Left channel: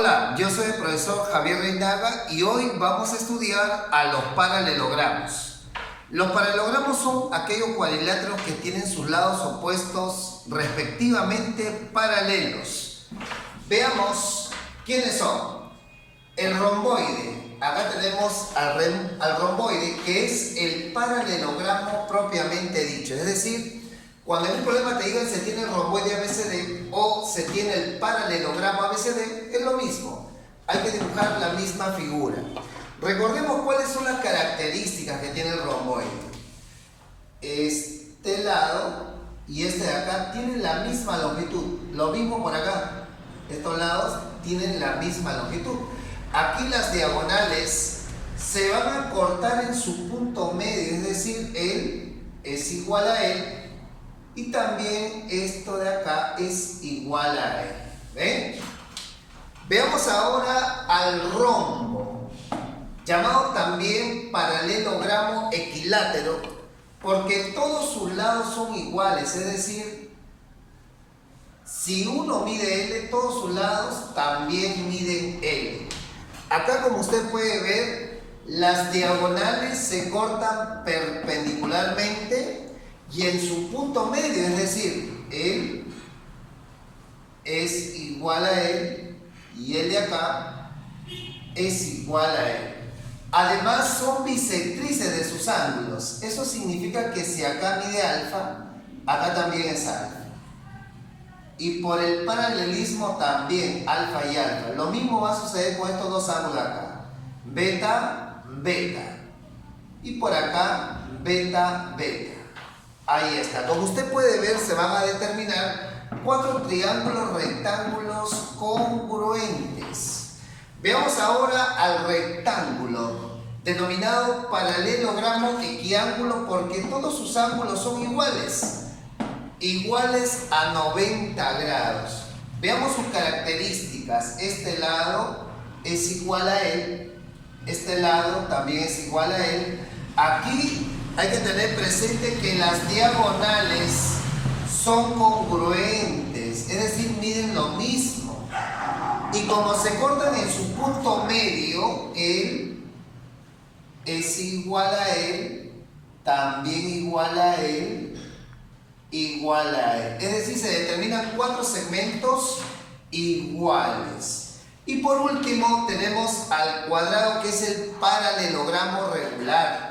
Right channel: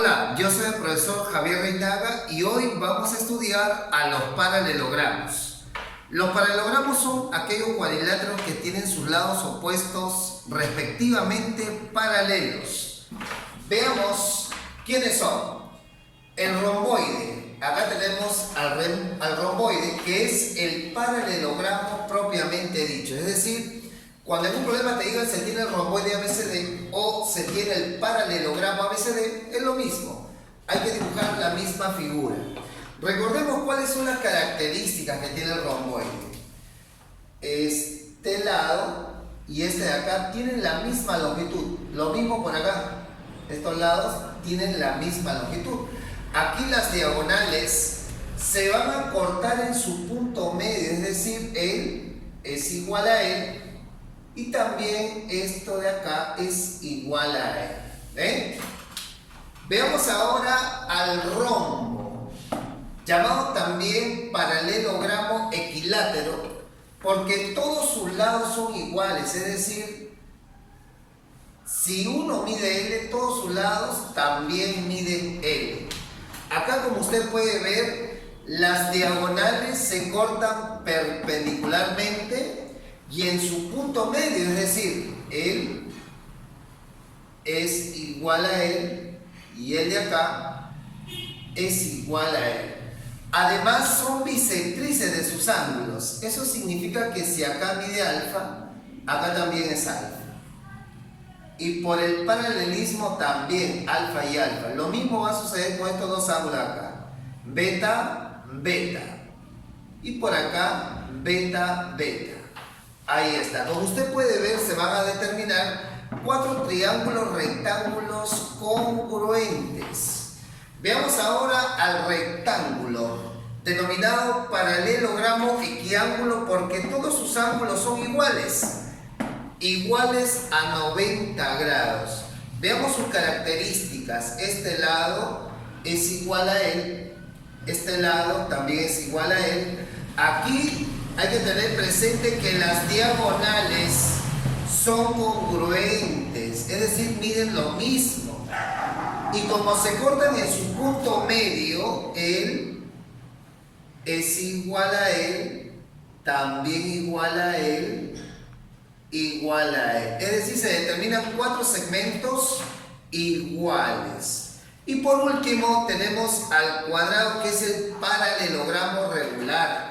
Hola, yo soy el profesor Javier Reinaga y hoy vamos a estudiar a los paralelogramos. Los paralelogramos son aquellos cuadriláteros que tienen sus lados opuestos respectivamente paralelos. Veamos quiénes son. El romboide. Acá tenemos al romboide, que es el paralelogramo propiamente dicho. Es decir, cuando en un problema te digan se tiene el romboide ABCD o se tiene el paralelogramo ABCD, es lo mismo. Hay que dibujar la misma figura. Recordemos cuáles son las características que tiene el romboide. Este lado y este de acá tienen la misma longitud. Lo mismo por acá. Estos lados tienen la misma longitud. Aquí las diagonales se van a cortar en su punto medio, es decir, él es igual a él. Y también esto de acá es igual a él. ¿Ven? Veamos ahora al rombo, llamado también paralelogramo equilátero, porque todos sus lados son iguales. Es decir, si uno mide L, todos sus lados también miden L. Acá, como usted puede ver, las diagonales se cortan perpendicularmente y en su punto medio, es decir, él es igual a él y él de acá es igual a él. Además son bisectrices de sus ángulos. Eso significa que si acá mide alfa, acá también es alfa. Y por el paralelismo también alfa y alfa. Lo mismo va a suceder con estos dos ángulos acá. Beta, beta. Y por acá, beta, beta. Ahí está. Como usted puede ver, se van a determinar 4 triángulos rectángulos congruentes. Veamos ahora al rectángulo, denominado paralelogramo equiángulo, porque todos sus ángulos son iguales a 90 grados. Veamos sus características. Este lado es igual a él, este lado también es igual a él. Aquí hay que tener presente que las diagonales son congruentes, es decir, miden lo mismo. Y como se cortan en su punto medio, él es igual a él, también igual a él, igual a él. Es decir, se determinan 4 segmentos iguales. Y por último tenemos al cuadrado, que es el paralelogramo regular.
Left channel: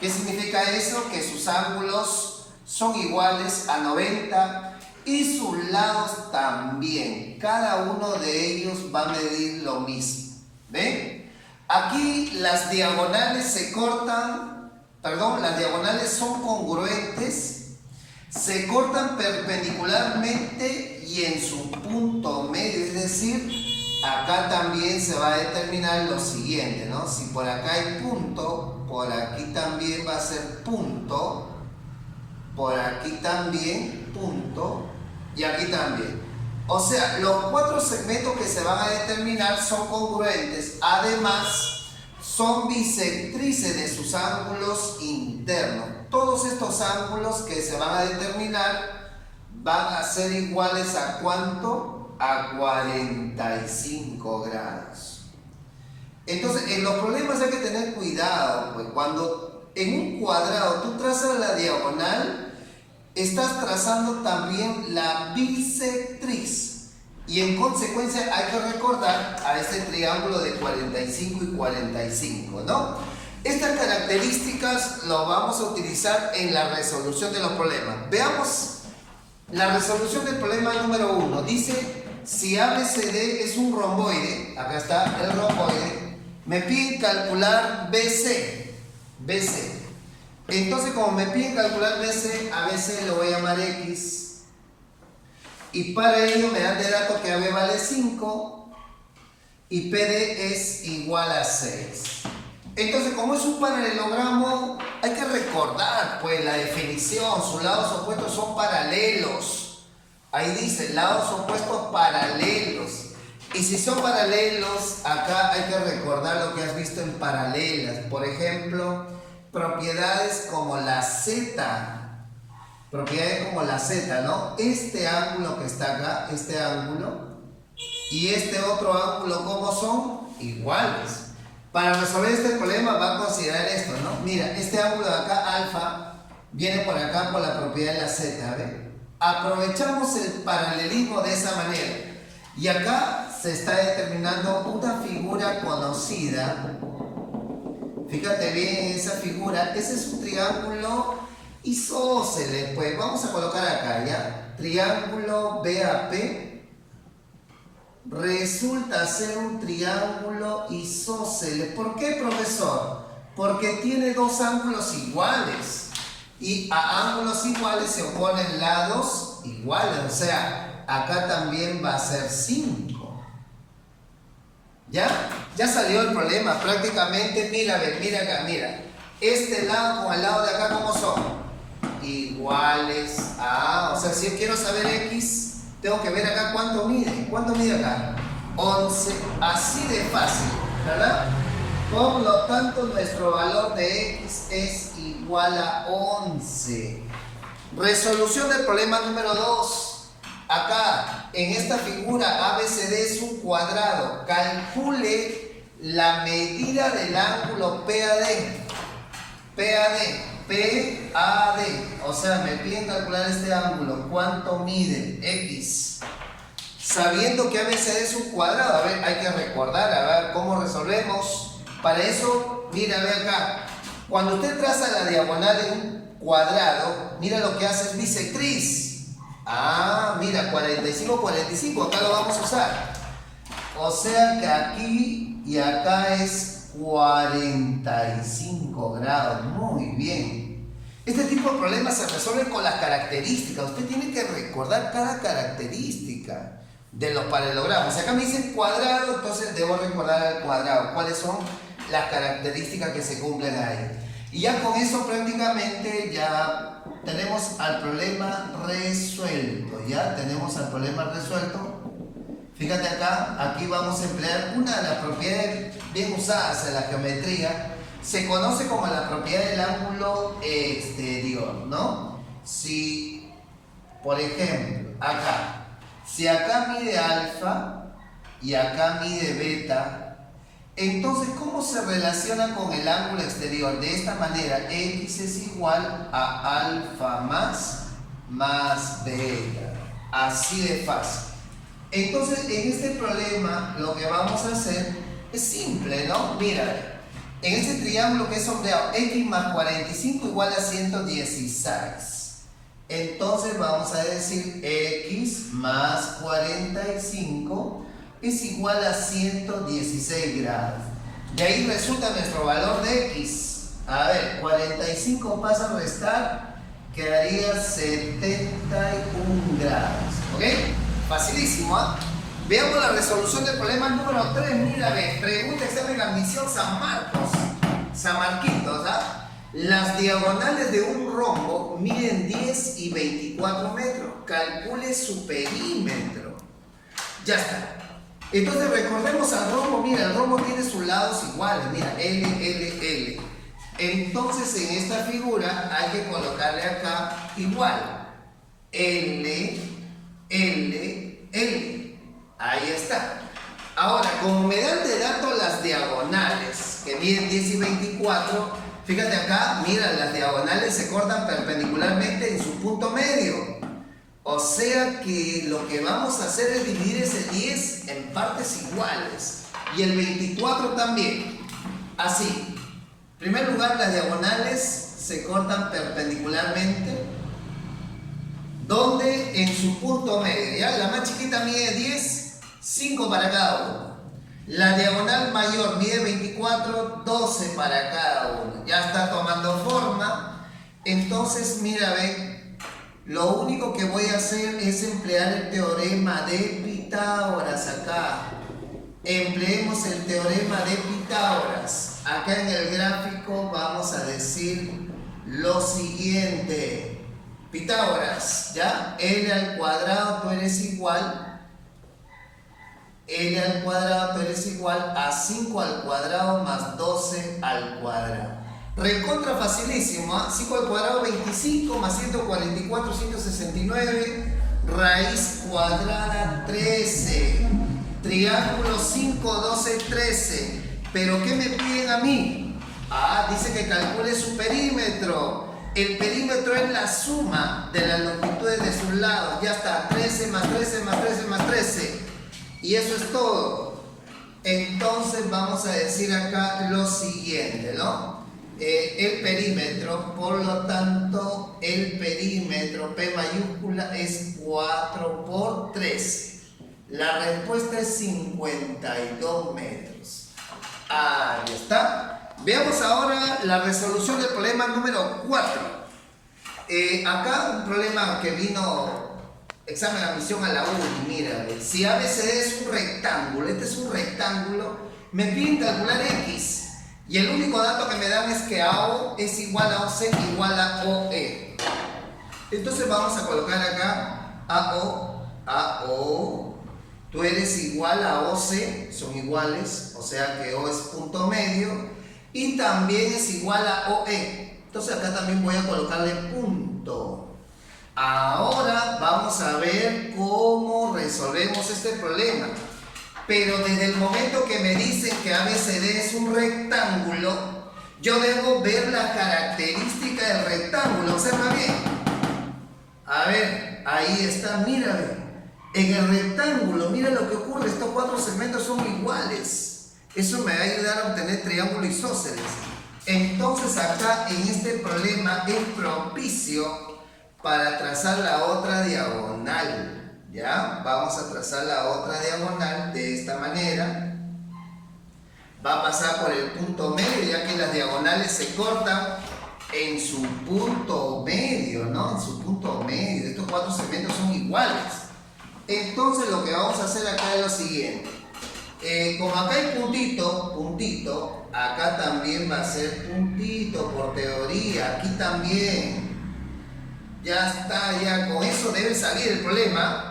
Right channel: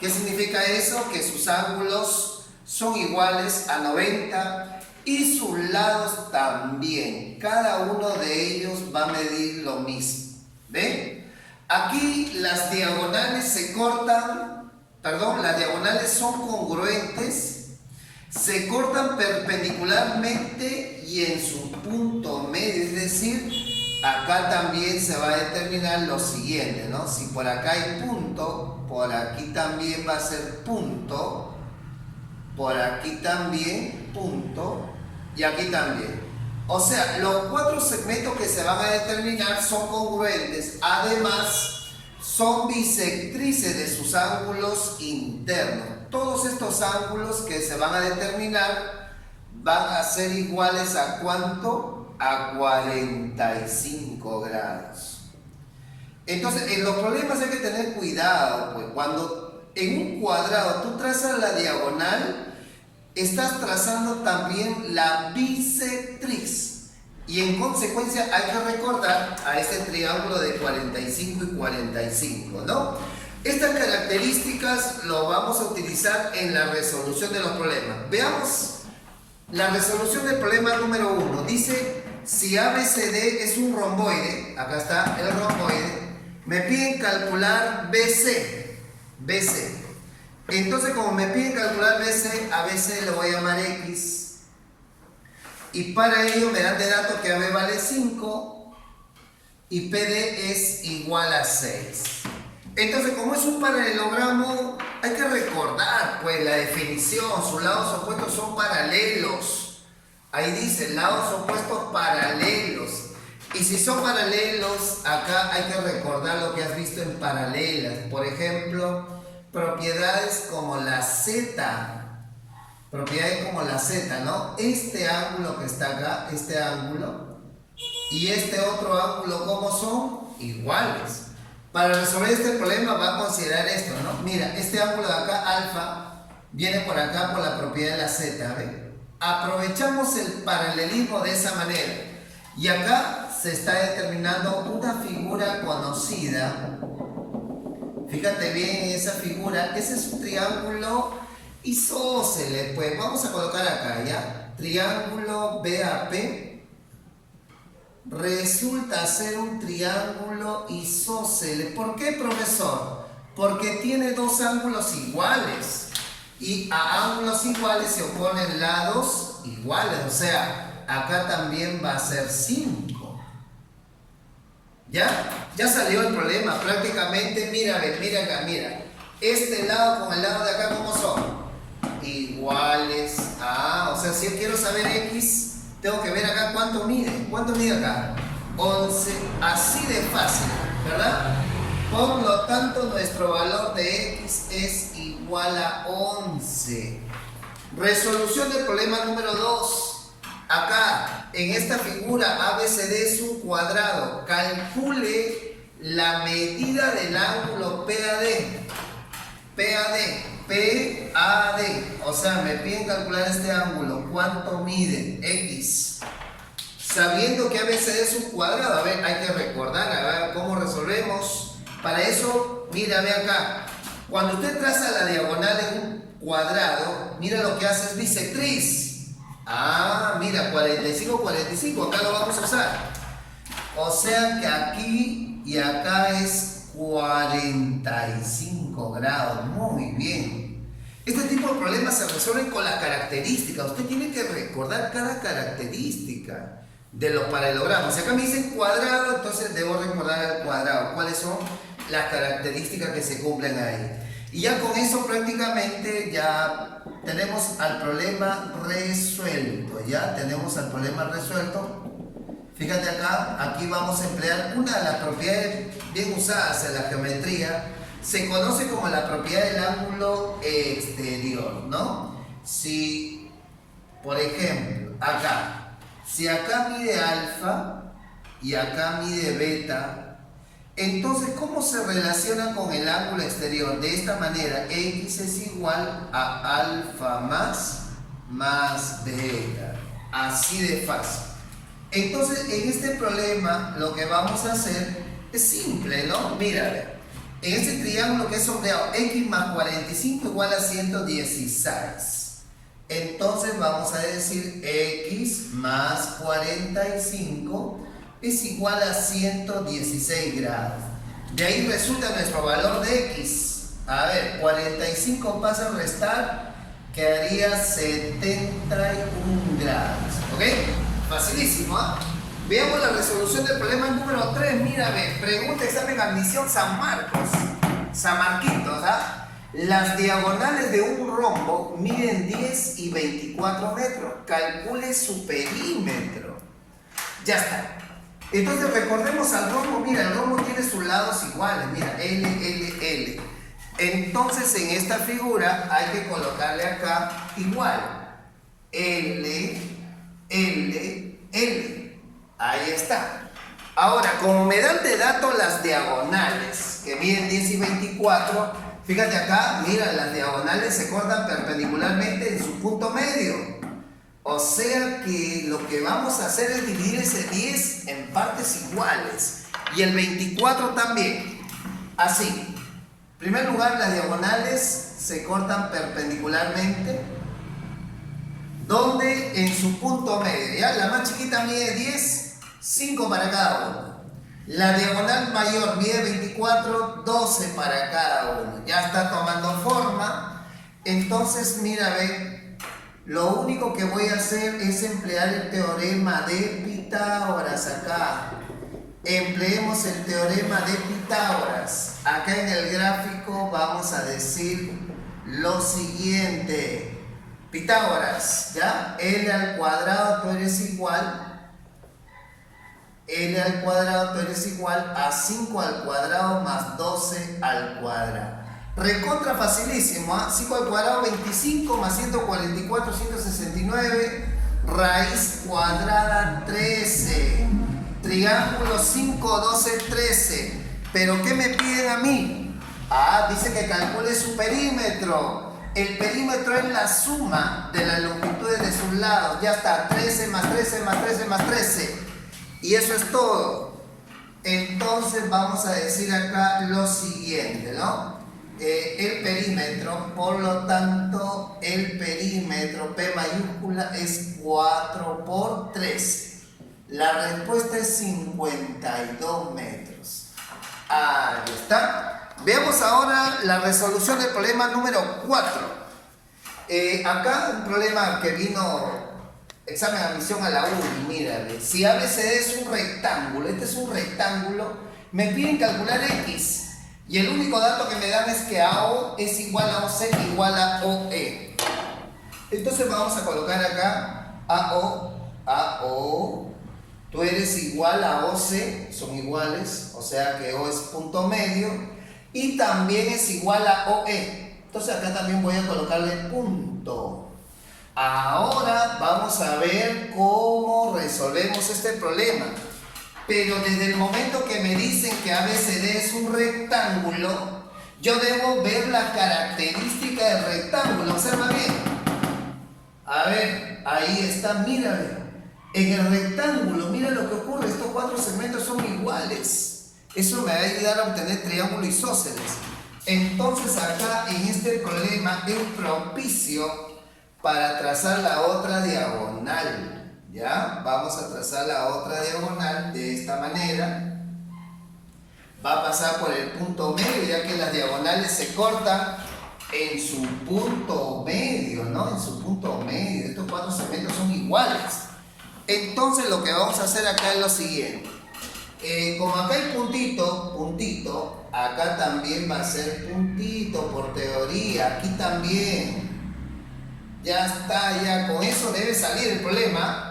¿Qué significa eso? Que sus ángulos son iguales a 90 y sus lados también. Cada uno de ellos va a medir lo mismo. ¿Ven? Aquí las diagonales se cortan, las diagonales son congruentes, se cortan perpendicularmente y en su punto medio, es decir, acá también se va a determinar lo siguiente, ¿no? Si por acá hay punto, por aquí también va a ser punto, por aquí también punto y aquí también. O sea, los 4 segmentos que se van a determinar son congruentes. Además, son bisectrices de sus ángulos internos. Todos estos ángulos que se van a determinar van a ser iguales a ¿cuánto? A 45 grados. Entonces, en los problemas hay que tener cuidado, pues cuando en un cuadrado tú trazas la diagonal, estás trazando también la bisectriz. Y en consecuencia hay que recordar a este triángulo de 45 y 45, ¿no? Estas características lo vamos a utilizar en la resolución de los problemas. Veamos la resolución del problema número 1. Dice, si ABCD es un romboide, acá está el romboide, me piden calcular BC. Entonces, como me piden calcular BC, a BC le voy a llamar X. Y para ello me dan de dato que AB vale 5 y PD es igual a 6. Entonces, como es un paralelogramo, hay que recordar pues la definición. Sus lados opuestos son paralelos. Ahí dice, lados opuestos paralelos. Y si son paralelos, acá hay que recordar lo que has visto en paralelas. Por ejemplo, propiedades como la Z. Propiedades como la Z, ¿no? Este ángulo que está acá, este ángulo, y este otro ángulo, ¿cómo son? Iguales. Para resolver este problema va a considerar esto, ¿no? Mira, este ángulo de acá, alfa, viene por acá por la propiedad de la z, ¿ve? Aprovechamos el paralelismo de esa manera. Y acá se está determinando una figura conocida. Fíjate bien en esa figura. Ese es un triángulo isósceles. Pues vamos a colocar acá, ¿ya? Triángulo BAP resulta ser un triángulo isósceles. ¿Por qué, profesor? Porque tiene dos ángulos iguales. Y a ángulos iguales se oponen lados iguales. O sea, acá también va a ser 5. ¿Ya? Ya salió el problema prácticamente. Mira, mira acá, mira. Este lado con el lado de acá, ¿cómo son? Iguales. Ah, o sea, si yo quiero saber X, tengo que ver acá cuánto mide. ¿Cuánto mide acá? 11. Así de fácil, ¿verdad? Por lo tanto, nuestro valor de X es igual a 11. Resolución del problema número 2. Acá, en esta figura, ABCD es un cuadrado. Calcule la medida del ángulo PAD. PAD. O sea, me piden calcular este ángulo. ¿Cuánto mide? X. Sabiendo que ABCD es un cuadrado. A ver, hay que recordar. A ver, ¿cómo resolvemos? Para eso, mira, ve acá. Cuando usted traza la diagonal en un cuadrado, mira lo que hace es bisectriz. Ah, mira, 45, 45, acá lo vamos a usar. O sea que aquí y acá es 45 grados. Muy bien. Este tipo de problemas se resuelven con las características. Usted tiene que recordar cada característica de los paralelogramos. Si acá me dicen cuadrado, entonces debo recordar el cuadrado. ¿Cuáles son las características que se cumplen ahí? Y ya con eso prácticamente ya tenemos al problema resuelto. Ya tenemos al problema resuelto. Fíjate acá, aquí vamos a emplear una de las propiedades bien usadas en la geometría. Se conoce como la propiedad del ángulo exterior, ¿no? Si, por ejemplo, acá, si acá mide alfa y acá mide beta, entonces, ¿cómo se relaciona con el ángulo exterior? De esta manera, X es igual a alfa más beta. Así de fácil. Entonces, en este problema, lo que vamos a hacer es simple, ¿no? Mira, en este triángulo que es sombreado, X más 45 igual a 116. Entonces, vamos a decir X más 45 es igual a 116 grados. De ahí resulta nuestro valor de X. A ver, 45 pasa a restar, quedaría 71 grados. ¿Ok? Facilísimo, ¿ah? Veamos la resolución del problema número 3. Mira, ve, pregunta examen admisión San Marcos. San Marquitos, ¿ah? Las diagonales de un rombo miden 10 y 24 metros. Calcule su perímetro. Ya está. Entonces recordemos al rombo. Mira, el rombo tiene sus lados iguales. Mira, L. Entonces en esta figura hay que colocarle acá igual. L. Ahí está. Ahora, como me dan de dato las diagonales que miden 10 y 24, fíjate acá, mira, las diagonales se cortan perpendicularmente en su punto medio. O sea que lo que vamos a hacer es dividir ese 10 en partes iguales. Y el 24 también. Así. En primer lugar, las diagonales se cortan perpendicularmente. Donde en su punto medio. ¿Ya? La más chiquita mide 10, 5 para cada uno. La diagonal mayor mide 24, 12 para cada uno. Ya está tomando forma. Entonces, mira, ven. Lo único que voy a hacer es emplear el teorema de Pitágoras acá. Empleemos el teorema de Pitágoras. Acá en el gráfico vamos a decir lo siguiente. Pitágoras, ¿ya? L al cuadrado, tú eres igual. L al cuadrado, tú eres igual a 5 al cuadrado más 12 al cuadrado. Recontra facilísimo, ¿eh? 5 al cuadrado 25 más 144, 169, raíz cuadrada 13. triángulo 5, 12, 13. ¿Pero qué me piden a mí? Dice que calcule su perímetro. El perímetro es la suma de las longitudes de sus lados. Ya está, 13 más 13 más 13 más 13. Y eso es todo. Entonces vamos a decir acá lo siguiente, ¿no? El perímetro, por lo tanto, el perímetro P mayúscula es 4 por 13. La respuesta es 52 metros. Ahí está. Veamos ahora la resolución del problema número 4. Acá un problema que vino examen de admisión a la UNI. Mira, si ABCD es un rectángulo, este es un rectángulo, me piden calcular X. Y el único dato que me dan es que AO es igual a OC igual a OE. Entonces vamos a colocar acá AO, tú eres igual a OC, son iguales, o sea que O es punto medio, y también es igual a OE. Entonces acá también voy a colocarle punto. Ahora vamos a ver cómo resolvemos este problema. Pero desde el momento que me dicen que ABCD es un rectángulo, yo debo ver la característica del rectángulo. Observa bien. A ver, ahí está, mira, en el rectángulo, mira lo que ocurre, estos 4 segmentos son iguales. Eso me va a ayudar a obtener triángulo isósceles. Entonces acá en este problema es propicio para trazar la otra diagonal. ¿Ya? Vamos a trazar la otra diagonal de esta manera. Va a pasar por el punto medio, ya que las diagonales se cortan en su punto medio, ¿no? En su punto medio. Estos 4 segmentos son iguales. Entonces lo que vamos a hacer acá es lo siguiente. Como acá hay puntito, acá también va a ser puntito por teoría. Aquí también. Ya está, ya con eso debe salir el problema.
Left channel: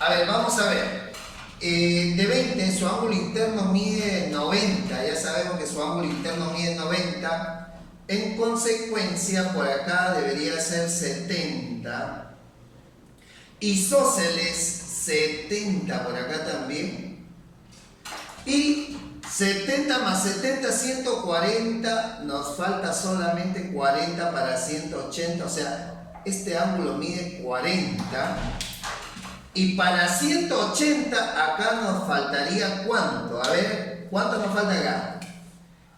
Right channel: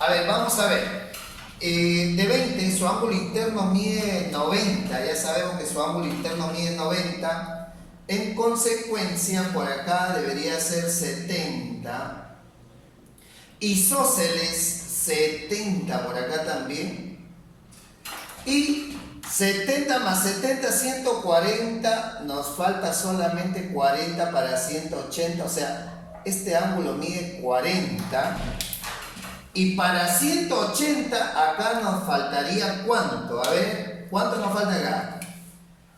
A ver, vamos a ver. De 20, su ángulo interno mide 90. Ya sabemos que su ángulo interno mide 90. En consecuencia, por acá debería ser 70. Isósceles 70 por acá también. Y 70 más 70, 140. Nos falta solamente 40 para 180. O sea, este ángulo mide 40. Y para 180 acá nos faltaría ¿cuánto? A ver, ¿cuánto nos falta acá?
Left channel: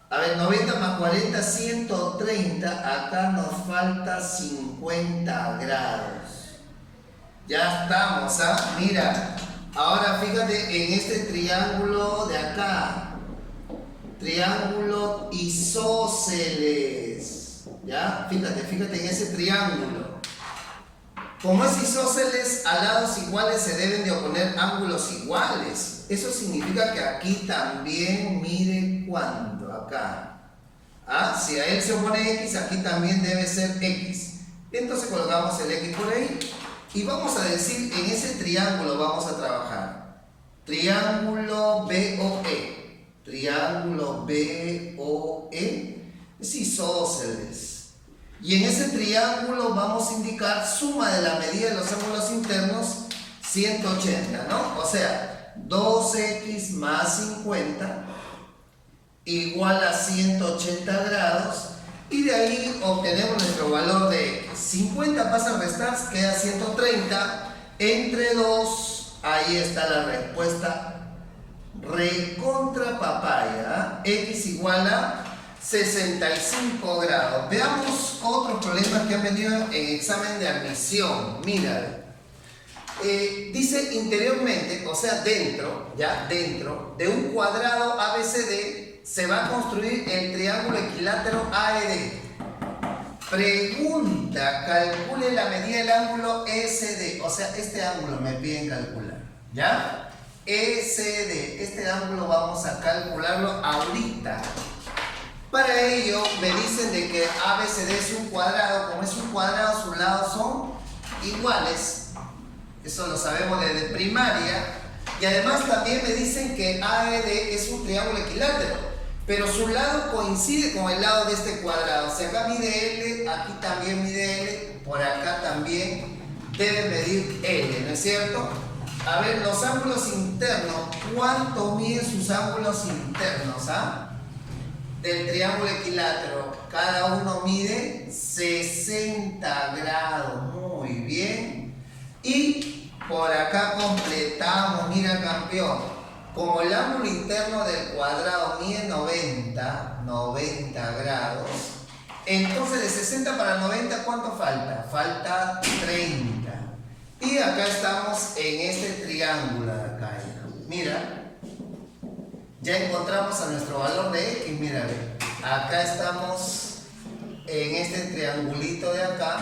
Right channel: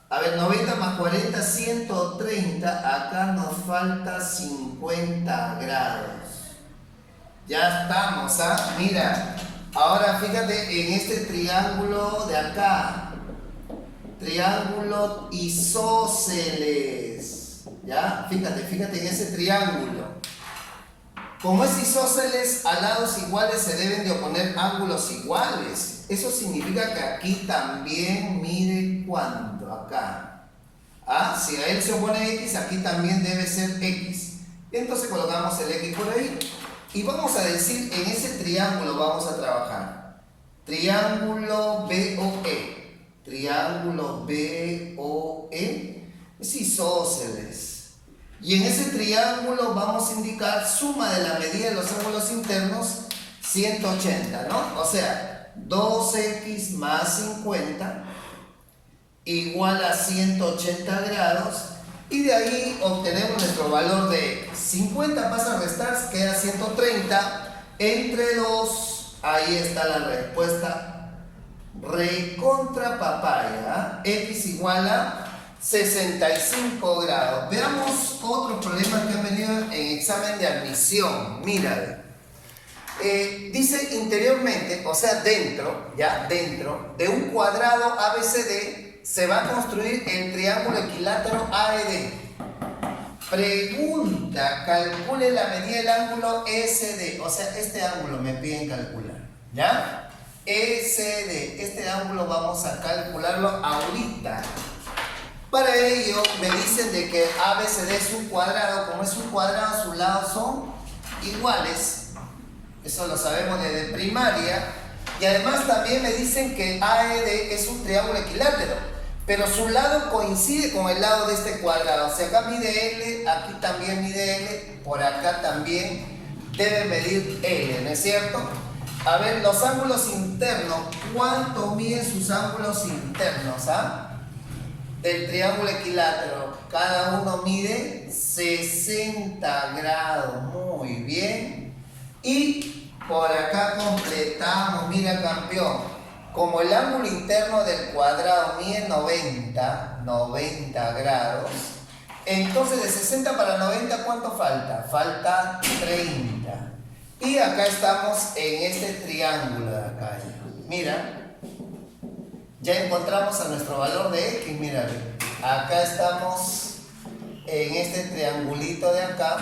A ver, 90 más 40, 130. Acá nos falta 50 grados. Ya estamos, ¿ah? Mira, ahora fíjate en este triángulo de acá. Triángulo isósceles. ¿Ya? Fíjate en ese triángulo. Como es isósceles, a lados iguales se deben de oponer ángulos iguales. Eso significa que aquí también mide ¿cuánto? Acá. Si a él se opone X, aquí también debe ser X. Entonces colocamos el X por ahí. Y vamos a decir, en ese triángulo vamos a trabajar. Triángulo BOE. Triángulo BOE es isósceles. Y en ese triángulo vamos a indicar suma de la medida de los ángulos internos 180, ¿no? O sea, 2x más 50 igual a 180 grados. Y de ahí obtenemos nuestro valor de x. 50 pasa a restar, queda 130. Entre 2, ahí está la respuesta. Recontra papaya. X igual a 65 grados. Veamos otros problemas que han venido en examen de admisión. Mira, dice interiormente, o sea dentro de un cuadrado ABCD se va a construir el triángulo equilátero AED. Pregunta, calcule la medida del ángulo ECD. O sea, este ángulo me piden calcular, ¿ya? ECD, este ángulo vamos a calcularlo ahorita. Para ello me dicen de que ABCD es un cuadrado. Como es un cuadrado, sus lados son iguales. Eso lo sabemos desde primaria. Y además también me dicen que AED es un triángulo equilátero, pero su lado coincide con el lado de este cuadrado. O sea, acá mide L, aquí también mide L, por acá también debe medir L, ¿no es cierto? A ver, los ángulos internos. ¿Cuánto miden sus ángulos internos? Del triángulo equilátero. Cada uno mide 60 grados. Muy bien. Y por acá completamos. Mira, campeón. Como el ángulo interno del cuadrado mide 90 grados. Entonces de 60 para 90, ¿cuánto falta? Falta 30. Y acá estamos en este triángulo de acá. Mira, ya encontramos a nuestro valor de X. Mira, acá estamos en este triangulito de acá.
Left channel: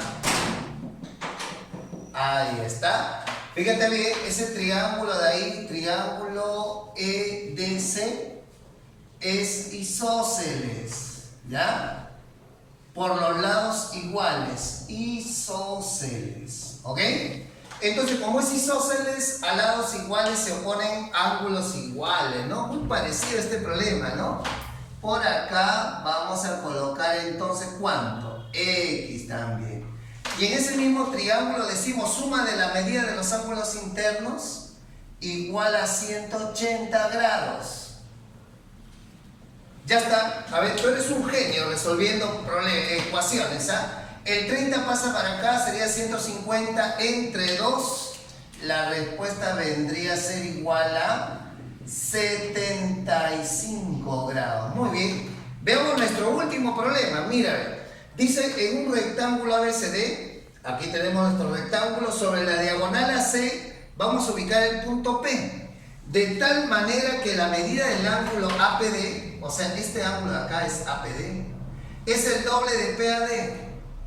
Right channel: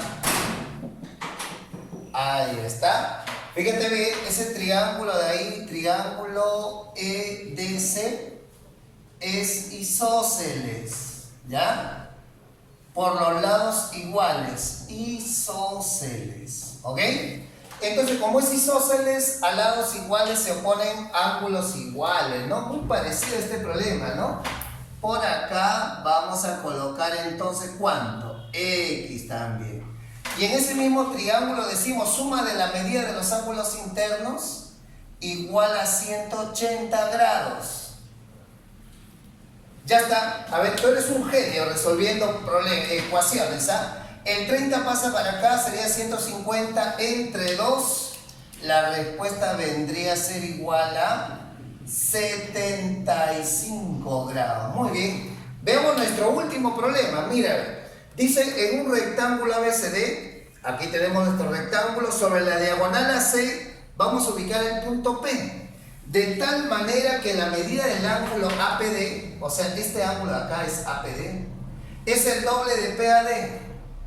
Ahí está. Fíjate bien, ese triángulo de ahí, triángulo EDC, es isósceles, ¿ya? Por los lados iguales, isósceles, ¿ok? Entonces, como es isósceles, a lados iguales se oponen ángulos iguales, ¿no? Muy parecido a este problema, ¿no? Por acá vamos a colocar entonces, ¿cuánto? X también. Y en ese mismo triángulo decimos suma de la medida de los ángulos internos igual a 180 grados. Ya está. A ver, tú eres un genio resolviendo ecuaciones, El 30 pasa para acá, sería 150 entre 2. La respuesta vendría a ser igual a 75 grados. Muy bien. Veamos nuestro último problema. Mira, dice en un rectángulo ABCD, aquí tenemos nuestro rectángulo, sobre la diagonal AC vamos a ubicar el punto P. De tal manera que la medida del ángulo APD, o sea, este ángulo acá es APD, es el doble de PAD,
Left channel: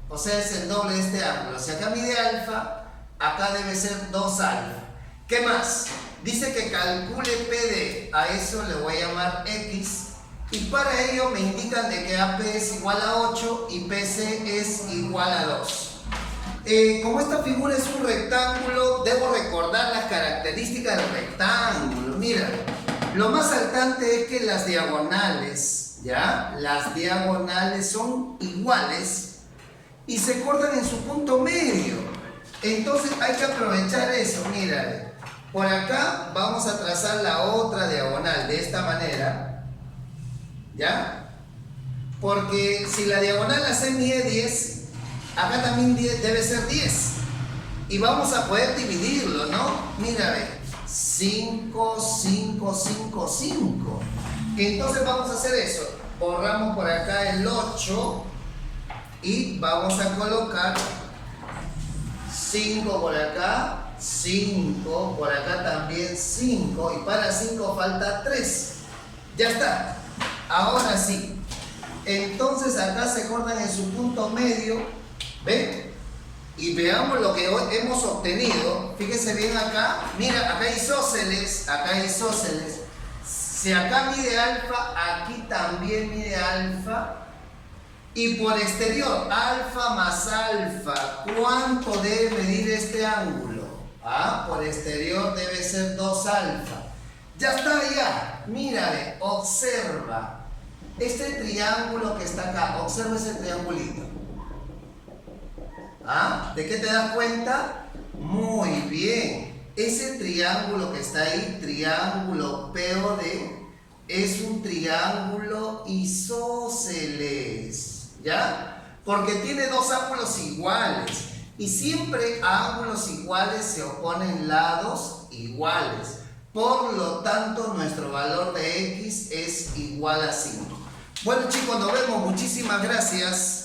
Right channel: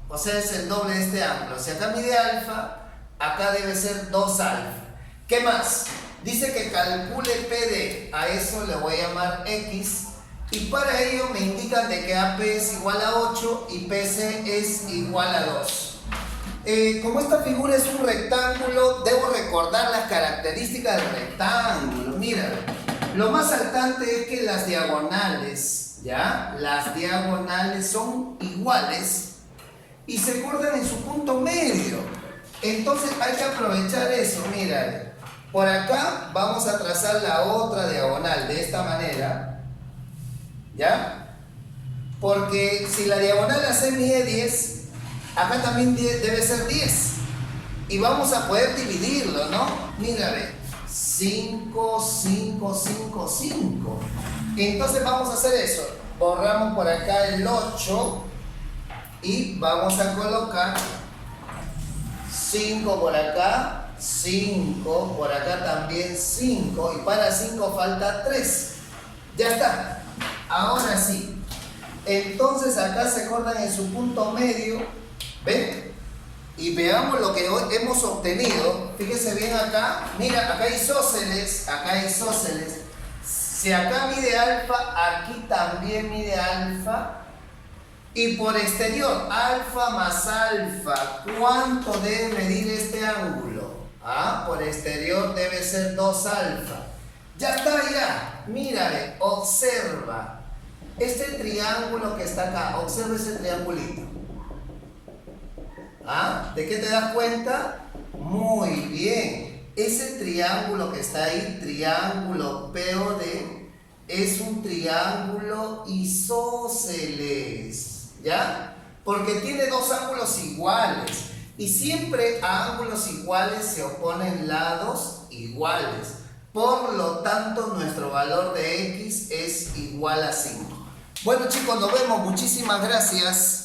o sea, es el doble de este ángulo. Si acá mide alfa, acá debe ser 2 alfa. ¿Qué más? Dice que calcule PD, a eso le voy a llamar X, y para ello me indican de que AP es igual a 8 y PC es igual a 2. Como esta figura es un rectángulo, debo recordar las características del rectángulo. Mira, lo más saltante es que las diagonales, ¿ya? Las diagonales son iguales y se cortan en su punto medio. Entonces hay que aprovechar eso. Mira, por acá vamos a trazar la otra diagonal de esta manera, ¿ya? Porque si la diagonal AC mide 10, acá también debe ser 10. Y vamos a poder dividirlo, ¿no? Mira, ve. 5, 5, 5, 5. Entonces vamos a hacer eso. Borramos por acá el 8 y vamos a colocar 5 por acá, 5 por acá también, 5. Y para 5 falta 3. Ya está. Ahora sí. Entonces acá se cortan en su punto medio. ¿Ven? Y veamos lo que hemos obtenido. Fíjense bien acá. Mira, acá hay isósceles. Acá hay isósceles. Si acá mide alfa, aquí también mide alfa. Y por exterior, alfa más alfa. ¿Cuánto debe medir este ángulo? Por exterior debe ser 2 alfa. Ya está, ya. Mírale, observa. Este triángulo que está acá. Observa ese triangulito. ¿De qué te das cuenta? Muy bien. Ese triángulo que está ahí, triángulo POD, es un triángulo isósceles, ¿ya? Porque tiene dos ángulos iguales. Y siempre a ángulos iguales se oponen lados iguales. Por lo tanto, nuestro valor de X es igual a 5. Bueno, chicos, nos vemos. Muchísimas gracias.